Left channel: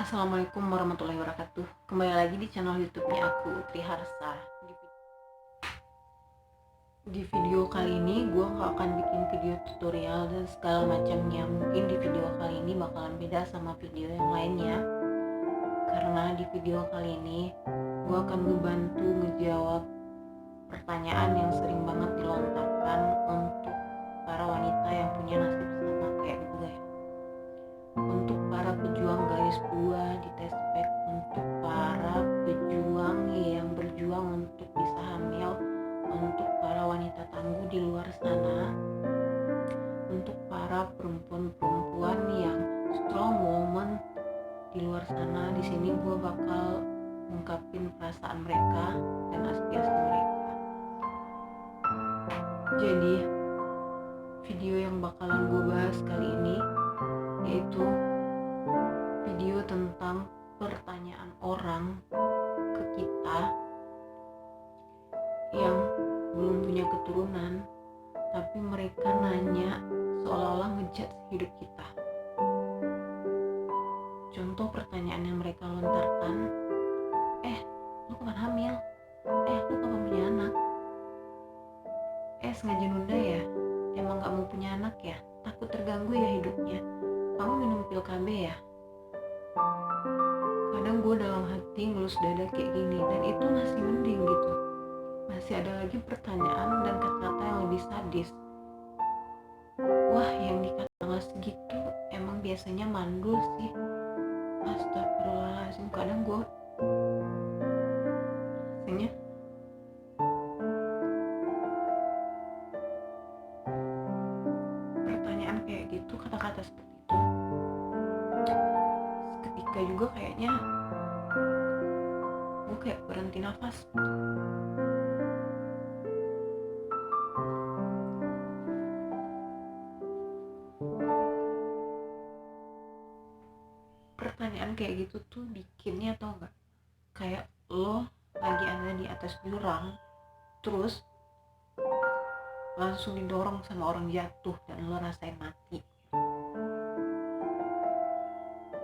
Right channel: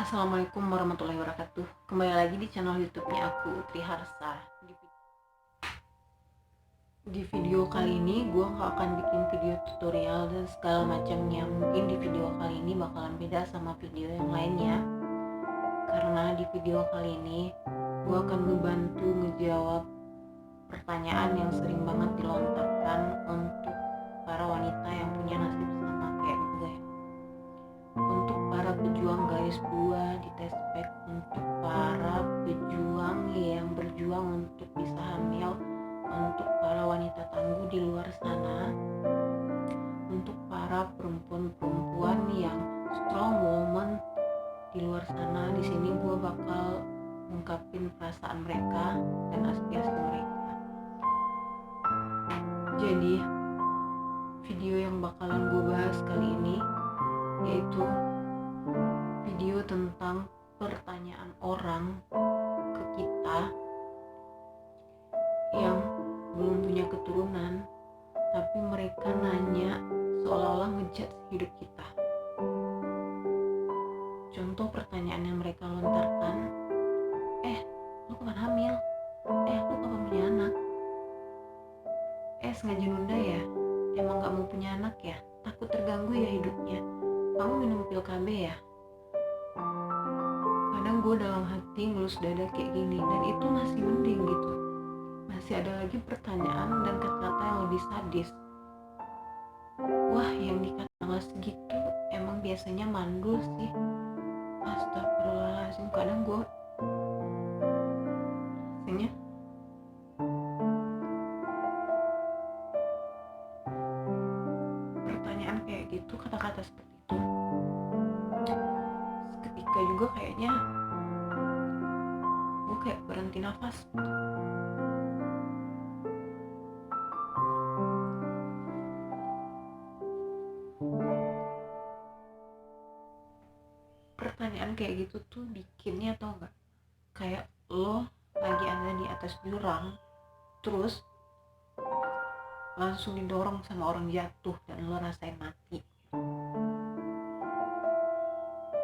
Assalamualaikum warahmatullahi wabarakatuh. Kembali lagi di channel YouTube-nya aku, Triharsa. Di video kali ini gue gak akan bikin video tutorial dan segala macamnya. Mungkin di video kali ini bakalan beda sama video yang lainnya. Karena di video kali ini gue akan membantu ngejawab pertanyaan yang sering banget dilontarkan untuk para wanita yang punya nasib sama kayak gue. Untuk para pejuang garis 2 di Tespek, untuk para pejuang yang berjuang untuk bisa hamil, untuk para wanita tangguh di luar sana, untuk para perempuan-perempuan yang strong woman di luar sana. Di sini gue bakal ungkapin perasaan mereka dan aspirasi mereka. Jadi video yang bakalan gue bahas kali ini yaitu video tentang pertanyaan orang ke kita yang belum punya keturunan, tapi mereka nanya seolah-olah ngejudge hidup kita. Contoh pertanyaan yang mereka lontarkan, lu kapan hamil? Lu kapan punya anak? Sengaja nunda ya? Emang gak mau punya anak ya? Takut terganggu ya hidupnya? Kamu minum pil KB ya? Kadang gue dalam hati ngelus dada kayak gini, dan itu masih mending gitu. Masih ada lagi pertanyaan dan kata-kata yang lebih sadis. Wah, yang dikata tanggal segitu emang biasanya mandul sih. Astagfirullahaladzim, kadang gue rasanya pertanyaan kayak gitu, kata-kata seperti itu seketika juga kayaknya gue kayak berhenti nafas. Pertanyaan kayak gitu tuh bikinnya, tau gak, kayak lo lagi ada di atas jurang terus langsung didorong sama orang jatuh dan lo rasain mati.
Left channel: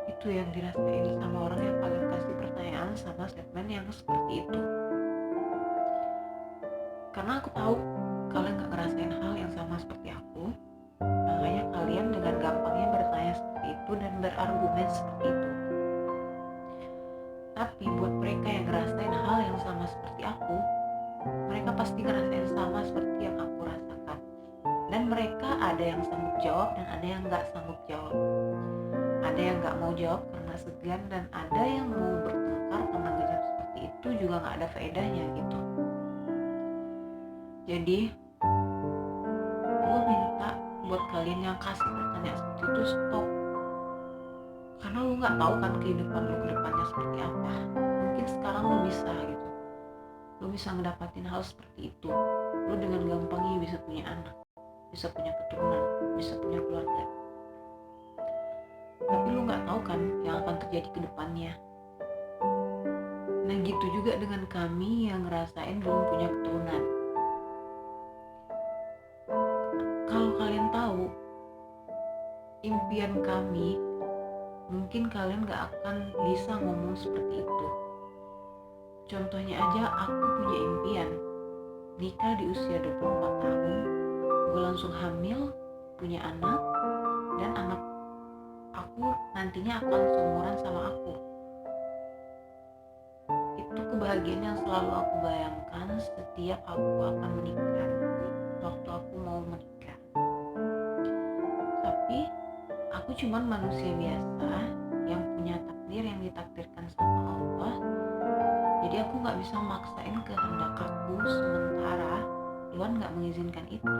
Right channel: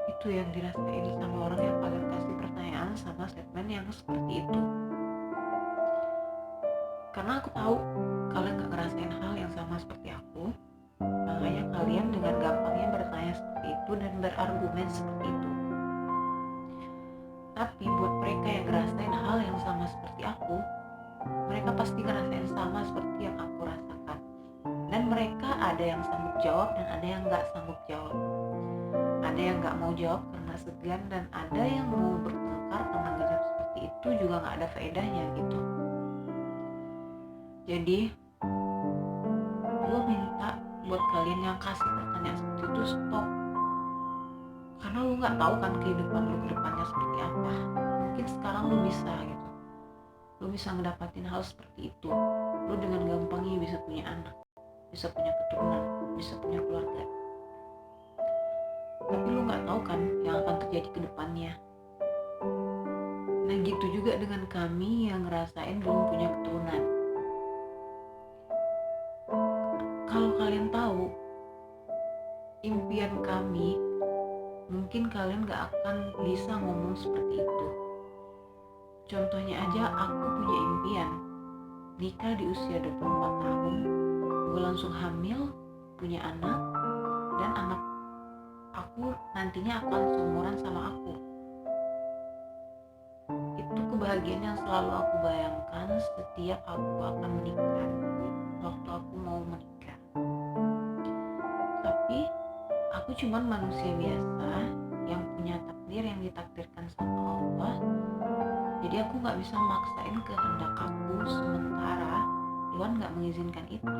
Itu yang dirasain sama orang yang kalian kasih pertanyaan sama statement yang seperti itu. Karena aku tahu kalian gak ngerasain hal yang sama seperti aku, makanya kalian dengan gampangnya bertanya seperti itu dan berargumen seperti itu. Tapi buat mereka yang ngerasain hal yang sama seperti aku, mereka pasti ngerasain sama seperti yang aku rasakan. Dan mereka ada yang sanggup jawab dan ada yang gak sanggup jawab. Ada yang gak mau jawab karena segan, dan ada yang mau bertengkar karena ngejawab seperti itu juga gak ada faedahnya gitu. Jadi gue minta buat kalian yang kasih pertanyaan seperti itu stop. Karena lu gak tahu kan kehidupan lu ke depannya seperti apa. Mungkin sekarang lu bisa gitu, lu bisa ngedapatin hal seperti itu. Lu dengan gampangnya bisa punya anak, bisa punya keturunan, bisa punya keluarga. Tapi lu gak tahu kan yang akan terjadi ke depannya. Nah gitu juga dengan kami yang ngerasain belum punya keturunan. Kalau kalian tahu impian kami, mungkin kalian gak akan bisa ngomong seperti itu. Contohnya aja, aku punya impian nikah di usia 24 tahun, gue langsung hamil, punya anak, dan anak aku nantinya akan seumuran sama aku. Itu kebahagiaan yang selalu aku bayangkan setiap aku akan menikah, waktu aku mau menikah. Tapi aku cuman manusia biasa yang punya takdir yang ditakdirkan sama Allah. Jadi aku gak bisa maksain kehendak aku sementara Tuhan gak mengizinkan itu.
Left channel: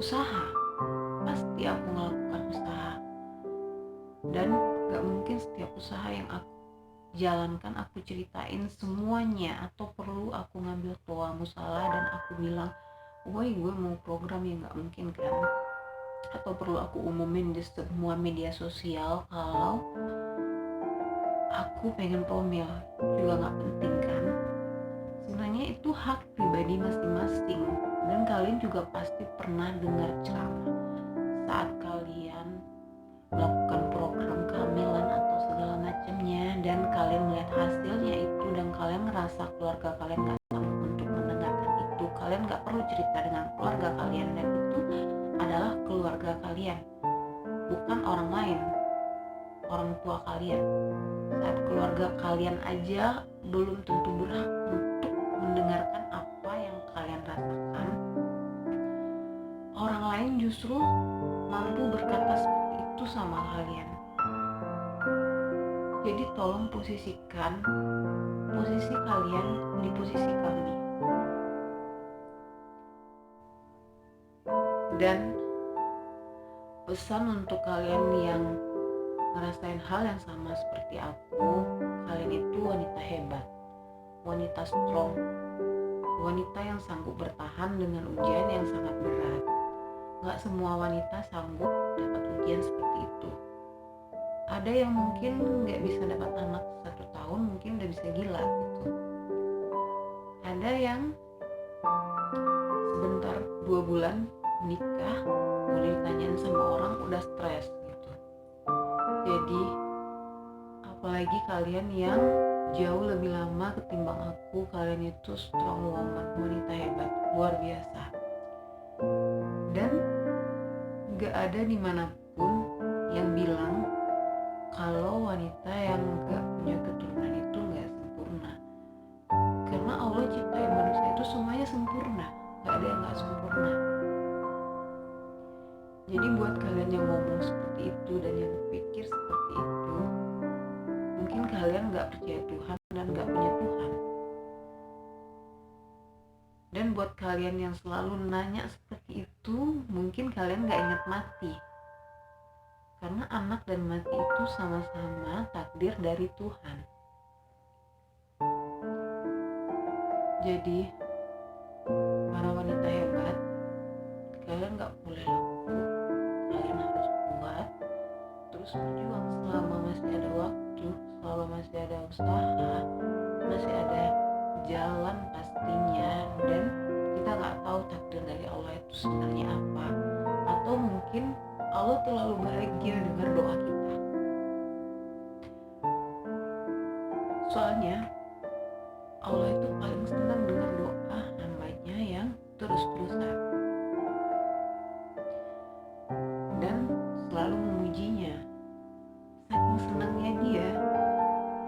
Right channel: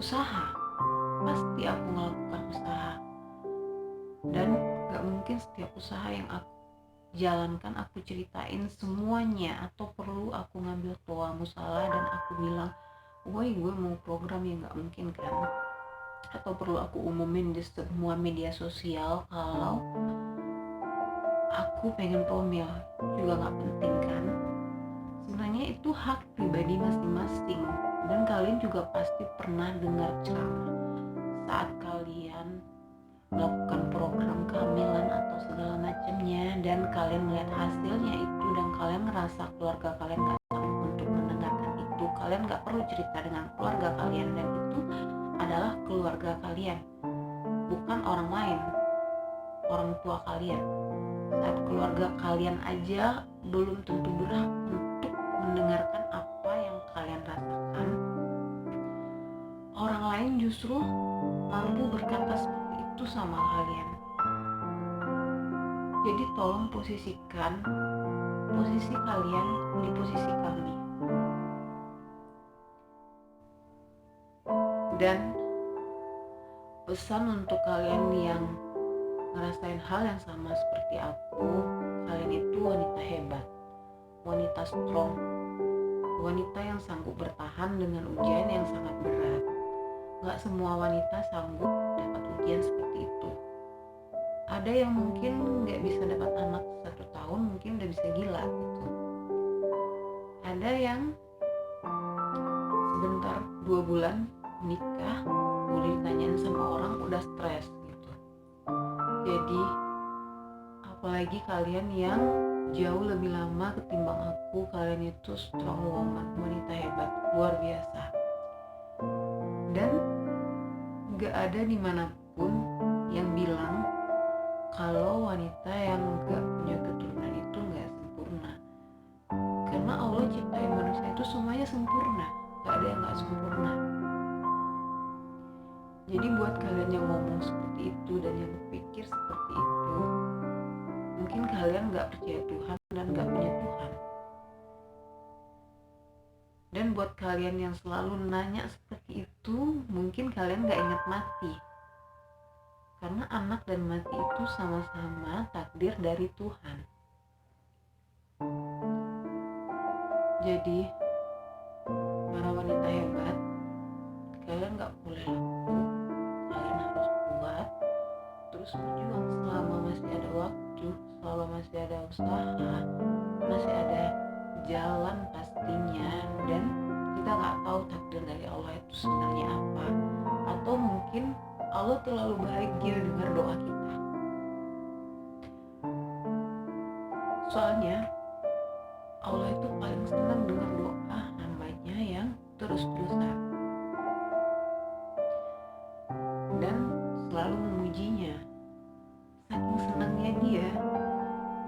Usaha, pasti aku melakukan usaha. Dan gak mungkin setiap usaha yang aku jalankan aku ceritain semuanya, atau perlu aku ngambil toa musalah dan aku bilang, woi gue mau program, yang gak mungkin kan. Atau perlu aku umumin di semua media sosial kalau aku pengen promil, juga gak penting kan. Sebenarnya itu hak pribadi masing-masing. Dan kalian juga pasti pernah dengar ceramah saat kalian melakukan program kehamilan atau segala macamnya, dan kalian melihat hasilnya itu dan kalian ngerasa keluarga kalian gak sanggup untuk mendengarkan itu, kalian gak perlu cerita dengan keluarga kalian, dan itu adalah keluarga kalian, bukan orang lain, orang tua kalian. Saat keluarga kalian aja belum tentu berhak untuk mendengarkan apa yang kalian rasakan, orang lain justru mampu berkata seperti itu sama kalian. Jadi tolong posisikan posisi kalian di posisi kami. Dan pesan untuk kalian yang ngerasain hal yang sama seperti aku, kalian itu wanita hebat, wanita strong, wanita yang sanggup bertahan dengan ujian yang sangat berat. Gak semua wanita sanggup dapat ujian seperti itu. Ada yang mungkin gak bisa dapat anak 1 tahun, mungkin udah bisa gila gitu. Ada yang sebentar 2 bulan nikah, boleh ditanyain sama orang udah stres gitu. Jadi apalagi kalian yang jauh lebih lama ketimbang aku, kalian itu strong woman, wanita hebat, luar biasa. Dan gak ada dimanapun yang bilang kalau wanita yang gak punya keturunan itu gak sempurna. Karena Allah ciptain manusia itu semuanya sempurna, gak ada yang gak sempurna. Jadi buat kalian yang ngomong seperti itu dan yang pikir seperti itu, mungkin kalian gak percaya Tuhan dan gak punya Tuhan. Dan buat kalian yang selalu nanya seperti itu, mungkin kalian gak ingat mati. Karena anak dan mati itu sama-sama takdir dari Tuhan. Jadi para wanita hebat, kalian gak boleh lumpuh, kalian harus kuat, terus berjuang selama masih ada waktu, selama masih ada usaha, masih ada jalan pastinya. Dan kita gak tahu takdir dari Allah itu sebenarnya apa, atau mungkin Allah terlalu bahagia dengar doa kita. Soalnya Allah itu paling senang dengar doa hambanya yang terus-terusan dan selalu memujinya. Saking senangnya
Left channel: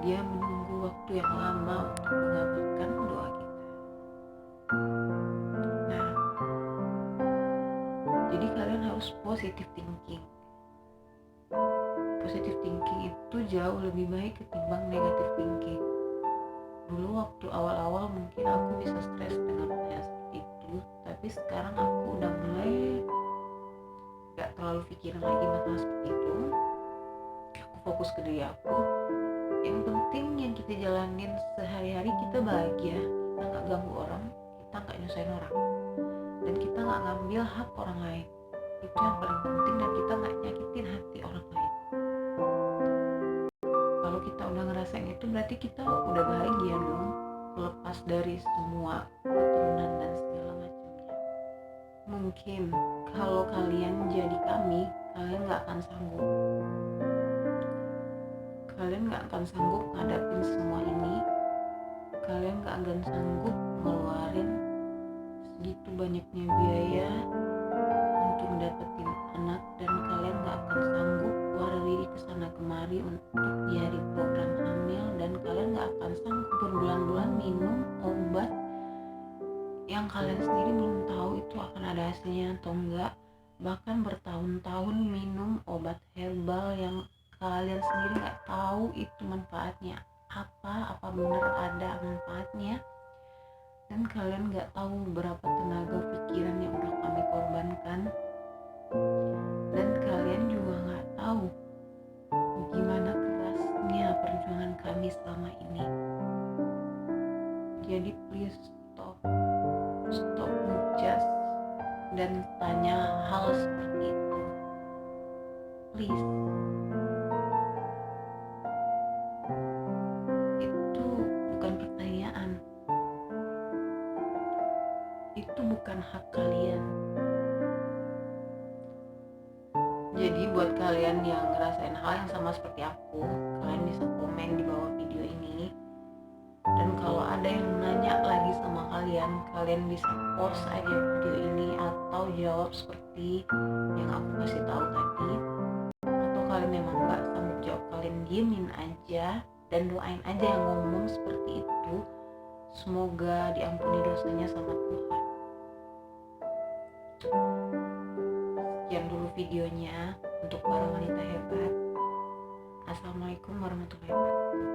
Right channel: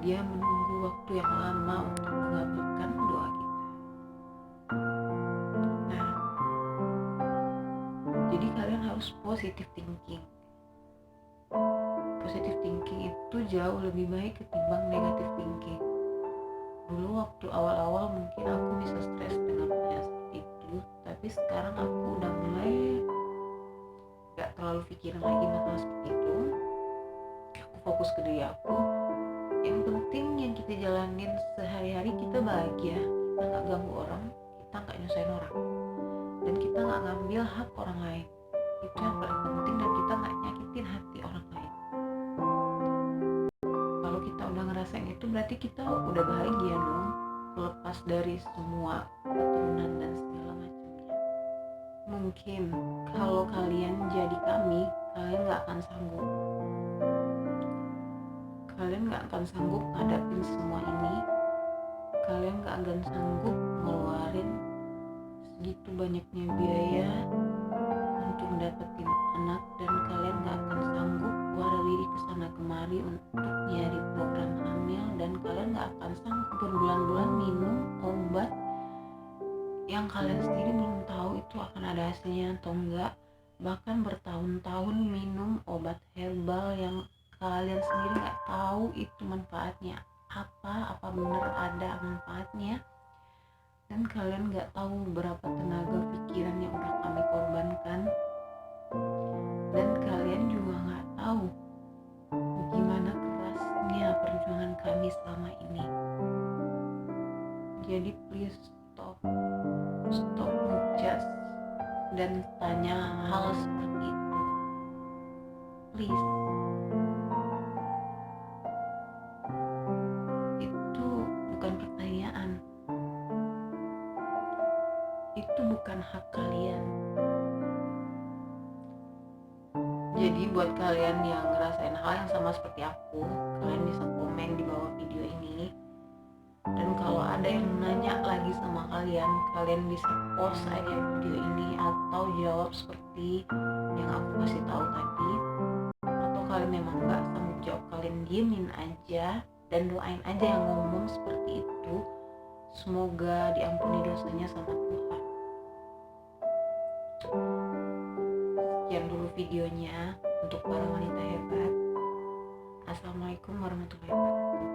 dia menunggu waktu yang lama untuk mengabulkan doa kita. Nah, jadi kalian harus positive thinking. Positive thinking itu jauh lebih baik ketimbang negative thinking. Dulu waktu awal-awal mungkin aku bisa stres dengan pertanyaan seperti itu, tapi sekarang aku udah mulai gak terlalu pikirin lagi masalah seperti itu. Aku fokus ke diri aku. Yang penting yang kita jalanin sehari-hari, kita bahagia, kita gak ganggu orang, kita gak nyusahin orang, dan kita gak ngambil hak orang lain. Itu yang paling penting, dan kita gak nyakitin hati orang lain. Kalau kita udah ngerasain itu, berarti kita udah bahagia dong, lepas dari semua keturunan dan segala macamnya. Mungkin kalau kalian jadi kami, kalian gak akan sanggup. Kalian gak akan sanggup ngadapin semua ini. Kalian gak akan sanggup ngeluarin segitu banyaknya biaya untuk dapetin anak, dan kalian gak akan sanggup keluar diri kesana kemari untuk nyari program hamil, dan kalian gak akan sanggup berbulan-bulan minum obat yang kalian sendiri belum tahu itu akan ada hasilnya atau enggak. Bahkan bertahun-tahun minum obat herbal yang kalian sendiri gak tahu itu manfaatnya apa benar ada manfaatnya. Dan kalian gak tahu berapa tenaga pikiran yang udah kami korbankan, dan kalian juga gak tahu gimana kerasnya perjuangan kami selama ini. Jadi please stop ngejudge dan tanya hal seperti itu, please. Itu bukan pertanyaan, itu bukan hak kalian. Jadi buat kalian yang ngerasain hal yang sama seperti aku, kalian bisa komen di bawah video ini. Dan kalau ada yang nanya lagi sama kalian, kalian bisa post aja video ini atau jawab seperti yang aku kasih tahu tadi. Atau kalian memang nggak sanggup jawab, kalian diemin aja dan doain aja yang ngomong seperti itu. Semoga diampuni dosanya sama Tuhan. Sekian dulu videonya untuk para wanita hebat. Assalamualaikum warahmatullahi wabarakatuh.